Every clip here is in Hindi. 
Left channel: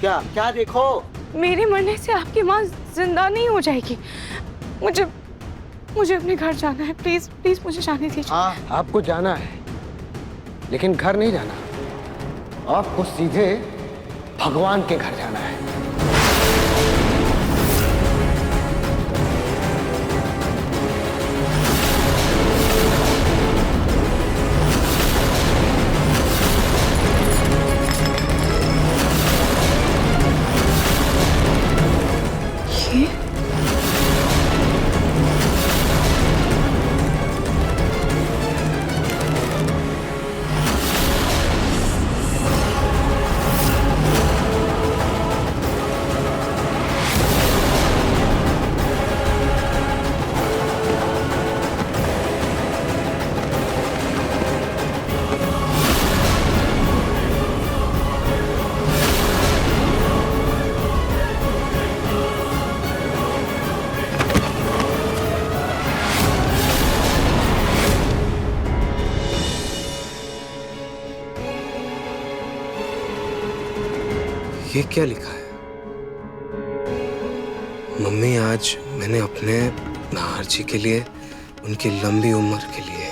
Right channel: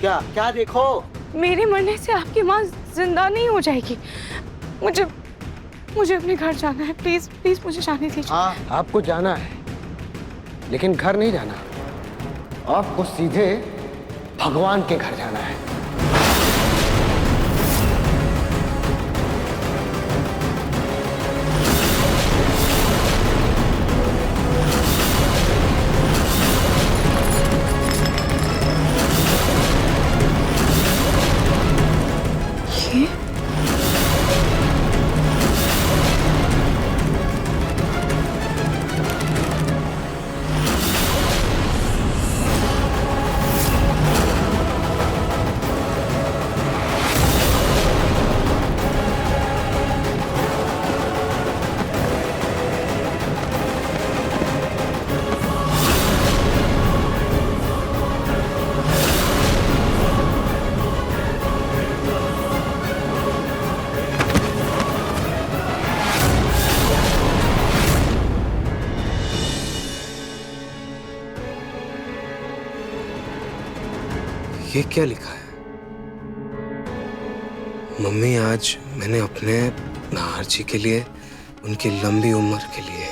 क्या क्या देखो? मेरे मरने से आपकी माँ जिंदा नहीं हो जाएगी। मुझे मुझे अपने घर जाना है। प्लीज प्लीज मुझे जाने दीजिए। हाँ आपको जाना है, लेकिन घर नहीं जाना। आपको सीधे भगवान के घर जाना है। ये क्या लिखा है? मम्मी, आज मैंने अपने नाहर जी के लिए, उनकी लंबी उम्र के लिए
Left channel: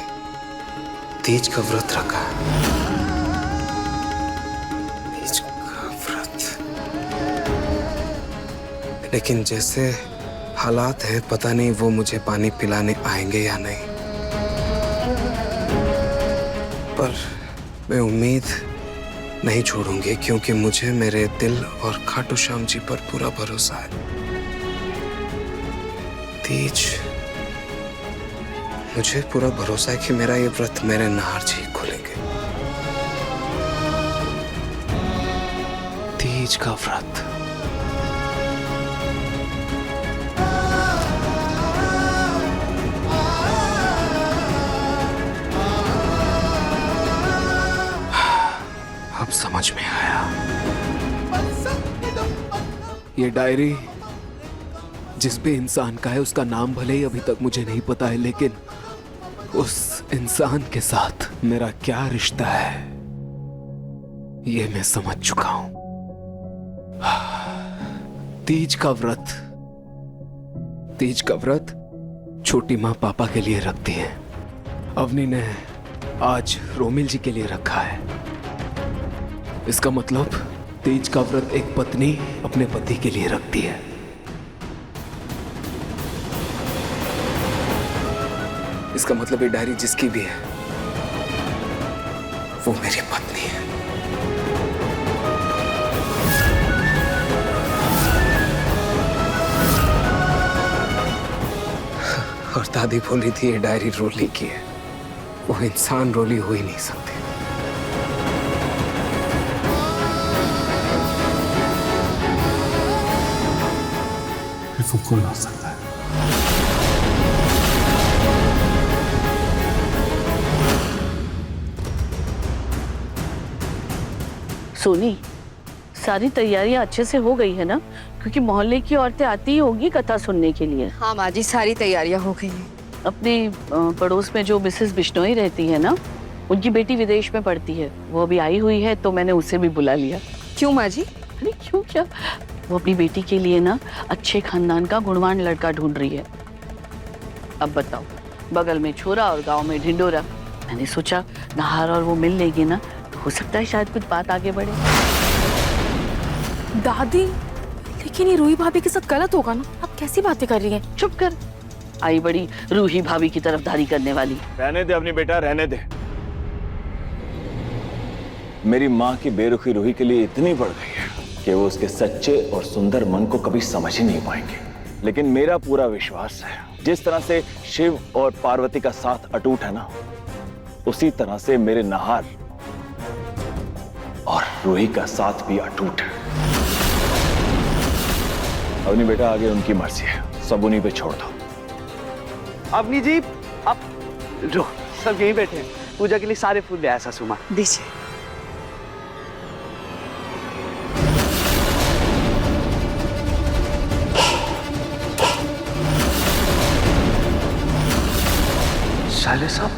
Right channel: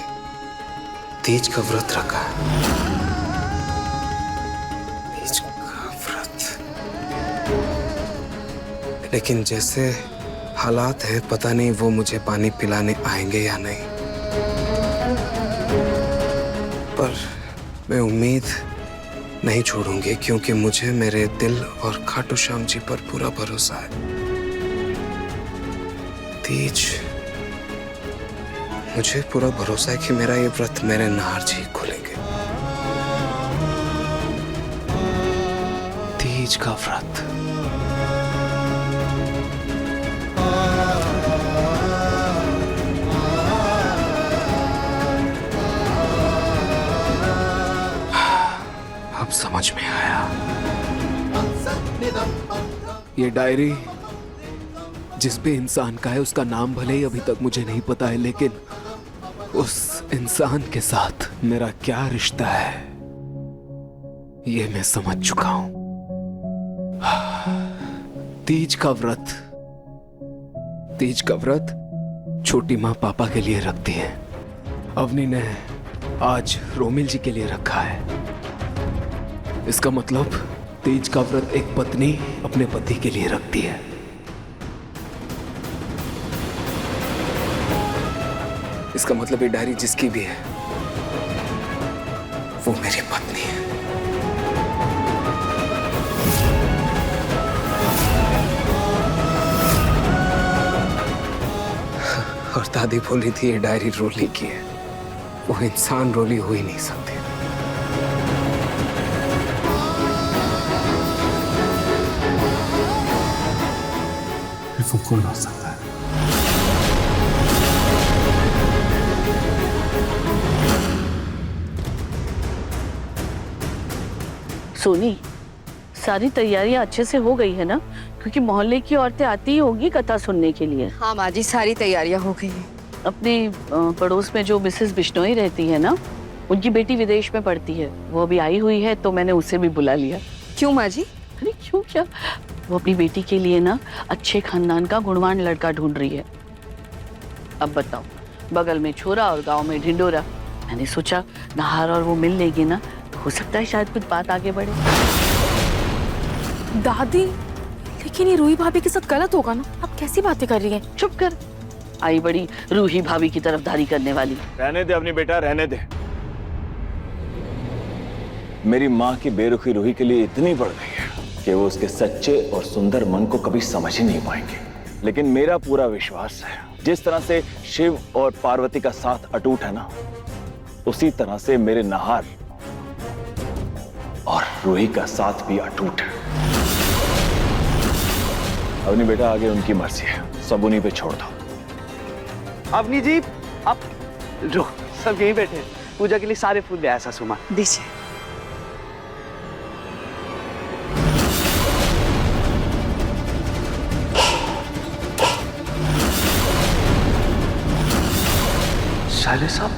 तीज का व्रत रखा है। तीज का व्रत। लेकिन जैसे हालात हैं, पता नहीं वो मुझे पानी पिलाने आएंगे या नहीं। पर मैं उम्मीद नहीं छोड़ूंगी, क्योंकि मुझे मेरे दिल और खाटू श्याम जी पर पूरा भरोसा है। तीज, मुझे पूरा भरोसा है कि मेरा ये व्रत मेरे नाहर जी खोलेंगे। तीज का व्रत। अब समझ में आया। ये डायरी जिस भी इंसान का है, उसका नाम भले ही अभी तक मुझे नहीं पता है, लेकिन उस इंसान के साथ मेरा क्या रिश्ता है ये मैं समझ चुका हूं। तीज का व्रत। तीज का व्रत छोटी माँ पापा के लिए रखती है। अवनी ने आज रोमिल जी के लिए रखा है। इसका मतलब तीज का व्रत एक पत्नी अपने पति के लिए रखती है। इसका मतलब ये डायरी जिसकी भी है, वो मेरी पत्नी है। और दादी बोली थी ये डायरी रोली की है। वो इंसान रोली हो ही नहीं सकते। वो कौन हो सकता है? सोनी, सारी तैयारियां अच्छे से हो गई है ना? क्योंकि मोहल्ले की औरतें आती ही होंगी कथा सुनने के लिए। हाँ माँ जी, सारी तैयारियां हो गई हैं। अपने पड़ोस में जो मिसेस बिश्नोई रहती है ना, उनकी बेटी विदेश में पढ़ती है। वो अभी आई हुई है, तो मैंने उसे भी बुला लिया। क्यों माँ जी? अरे क्यों क्या, वो अपनी बेटी के लिए ना अच्छे खानदान का गुणवान लड़का ढूंढ रही है। अब बताओ, बगल में छोरा और गांव में ढिंडोरा। मैंने सोचा नाहर और वो मिल लेगी ना, तो हो सकता है शायद कुछ बात आगे बढ़े। दादी, लेकिन ये रूही भाभी के साथ गलत होगा ना? आप कैसी बातें कर रही हैं? चुप कर, आई बड़ी रूही भाभी की तरफदारी करने वाली। रहने दे अपनी बेटा, रहने दे। मेरी माँ की बेरुखी रूही के लिए इतनी बढ़ गई है कि वो उसके सच्चे और सुंदर मन को कभी समझ ही नहीं पाएंगे। लेकिन मेरा पूरा विश्वास है, जिस तरह से शिव और पार्वती का साथ अटूट है ना, उसी तरह से मेरे नाहर और रूही का साथ भी अटूट है। अवनी बेटा, आगे उनकी मर्जी है, सब उन्हीं पे छोड़ दो। अवनी जी, आप रो, सब यहीं बैठे हैं। पूजा के लिए सारे फूल ले आया सासू माँ। दीजिए। साले साहब,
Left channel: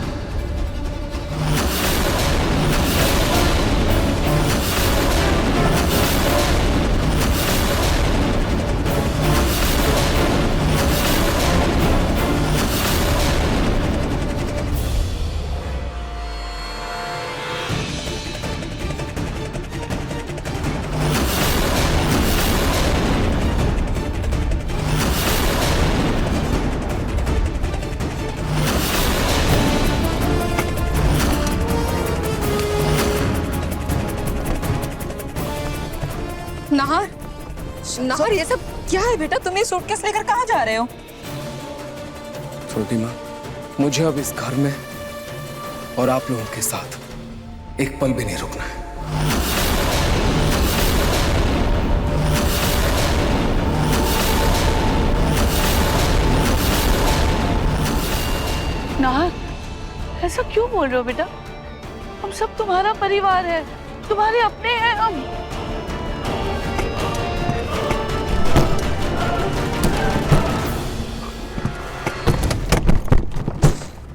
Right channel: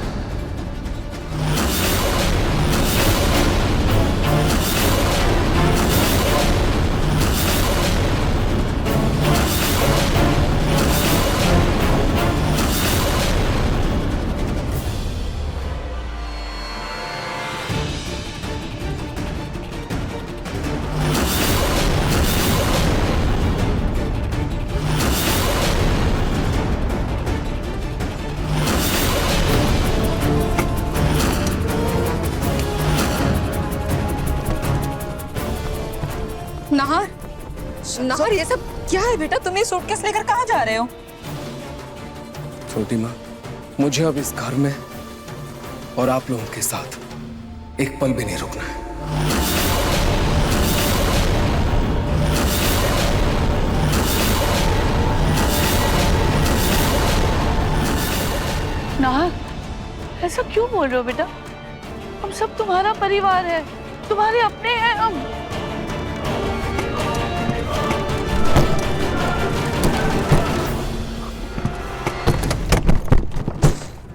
नाहर, नाहर ये सब क्या है बेटा? तुम ये सूटकेस लेकर कहाँ जा रहे हो? छोटी माँ, मुझे अब इस घर में और आप लोगों के साथ एक पल भी नहीं रुकना है। नाहर, ऐसा क्यों बोल रहे हो बेटा? हम सब तुम्हारा परिवार है, तुम्हारे अपने हैं हम।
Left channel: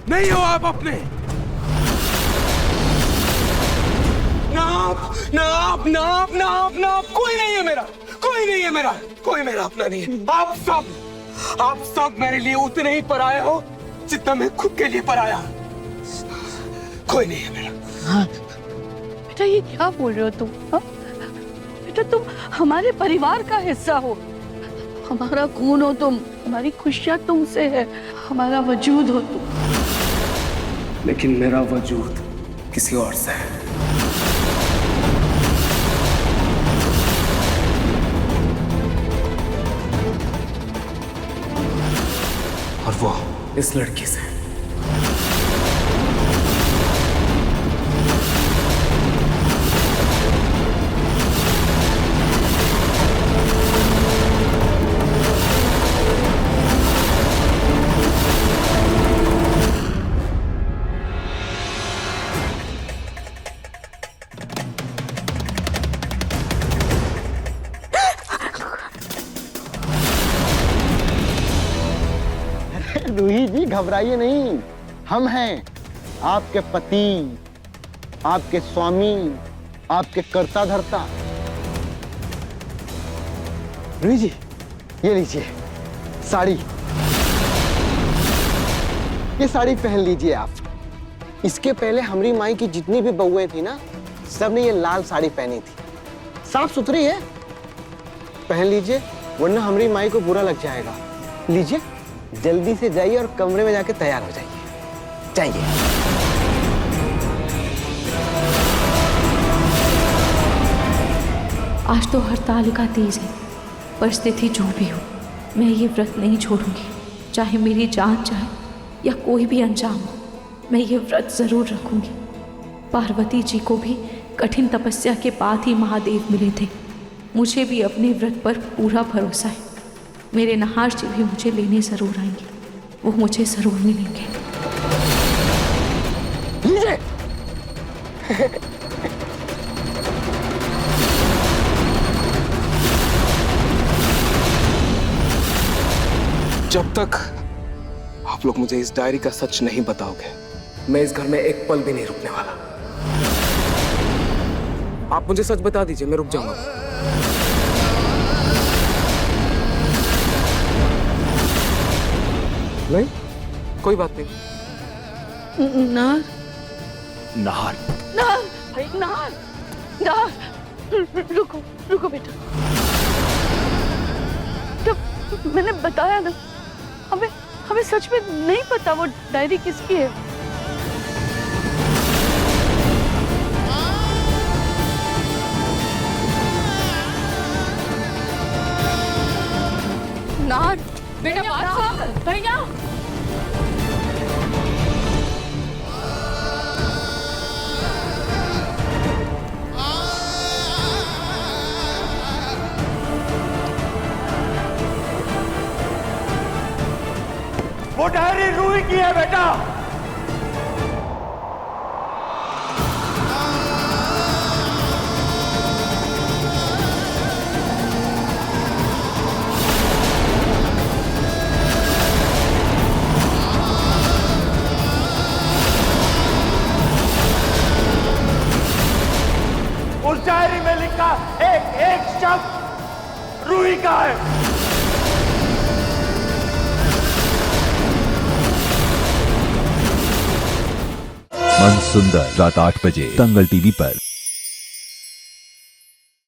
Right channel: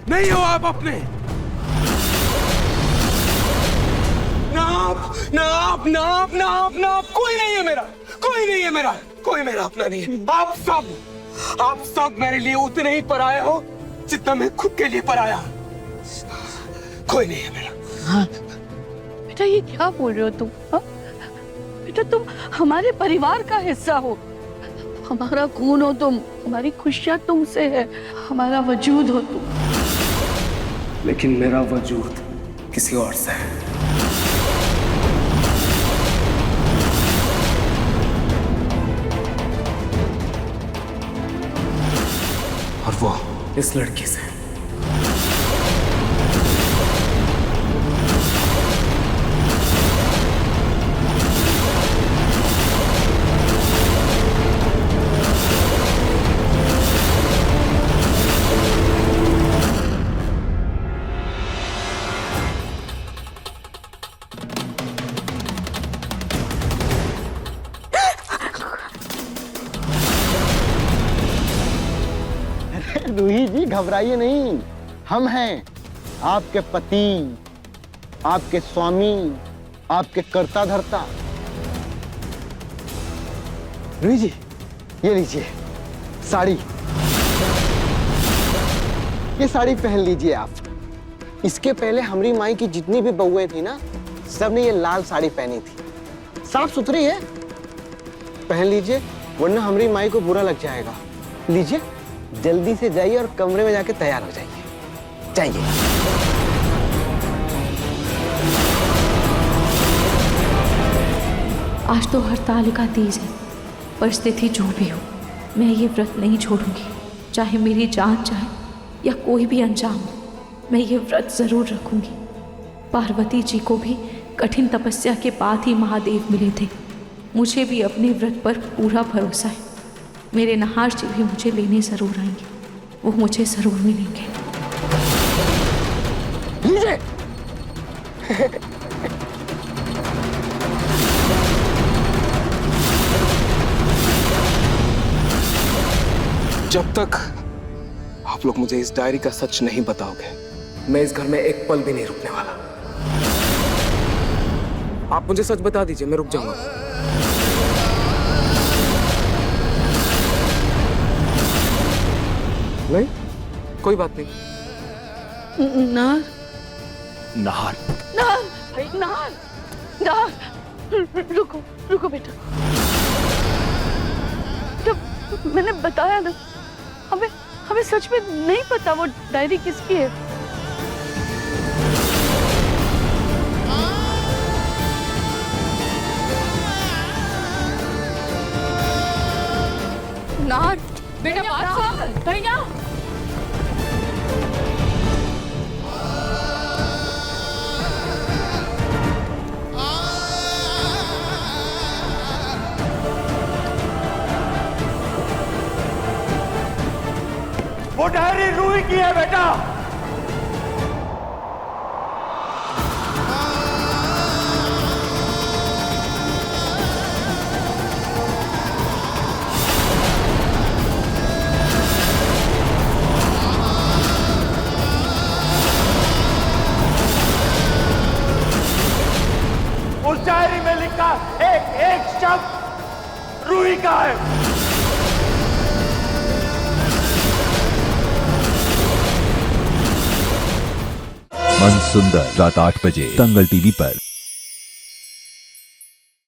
नहीं हो आप अपने। नाप कोई नहीं है मेरा, कोई नहीं है मेरा, कोई मेरा अपना नहीं है। आप सब मेरे लिए उतने ही पराये हो जितना मैं खुद के लिए पराया। कोई नहीं है मेरा। हाँ बेटा, ये क्या बोल रहे हो तुम? हाँ बेटा, तुम हमारे परिवार का हिस्सा हो, हमारा खून हो तुम, हमारी खुशियां तुमसे है, हमारा वजूद हो तुम। लेकिन मेरा वजूद किसी और से है। और वो इस लड़की से। रूही जी घबराइए नहीं, हम हैं आपके पति, आपके स्वामी, आपके कर्ता धर्ता। रूही जी ये लीजिए साड़ी, ये साड़ी पहन लीजिए आप। इसके पहले हमारी माई की जितनी भी बहुएं थी ना, सब ने ये लाल साड़ी पहनी थी। साफ सुथरी है, पहन लीजिए वरना हमारी माई को बुरा लग जाएगा। लीजिए, जल्दी से जाइए और कमरे में जाके तैयार हो जाइए। जाइए। आज तो हरतालिका तीज है, परिस्थिति जो भी हो मैं ये व्रत नहीं छोड़ूंगी। चाहे मेरी जान जाए या कोई भी अंजाम हो, मैं ये व्रत जरूर रखूंगी। पार्वती जी को भी कठिन तपस्या के बाद ही महादेव मिले थे। मुझे भी अपने व्रत पर पूरा भरोसा है। मेरे नहार जी भी मुझे लेने जरूर आएंगे, वो मुझे जरूर मिलेंगे। जब तक आप लोग मुझे इस डायरी का सच नहीं बताओगे, मैं इस घर में एक पल भी नहीं रुकने वाला। आप मुझे सच बता दीजिए, मैं रुक जाऊंगा। नहीं, कोई बात नहीं। नाहर, नाहर, नाहर, नाहर, नाहर, रुको, रुको बेटा। जब मैंने बताया ना, हमें सच में नहीं पता वो डायरी किसकी है। नाहर बेटा, बात सुन। भैया, वो डायरी रूही की है बेटा। उस डायरी में लिखा एक एक शब्द रूही का है। मन सुंदर रात 8 बजे दंगल टीवी पर।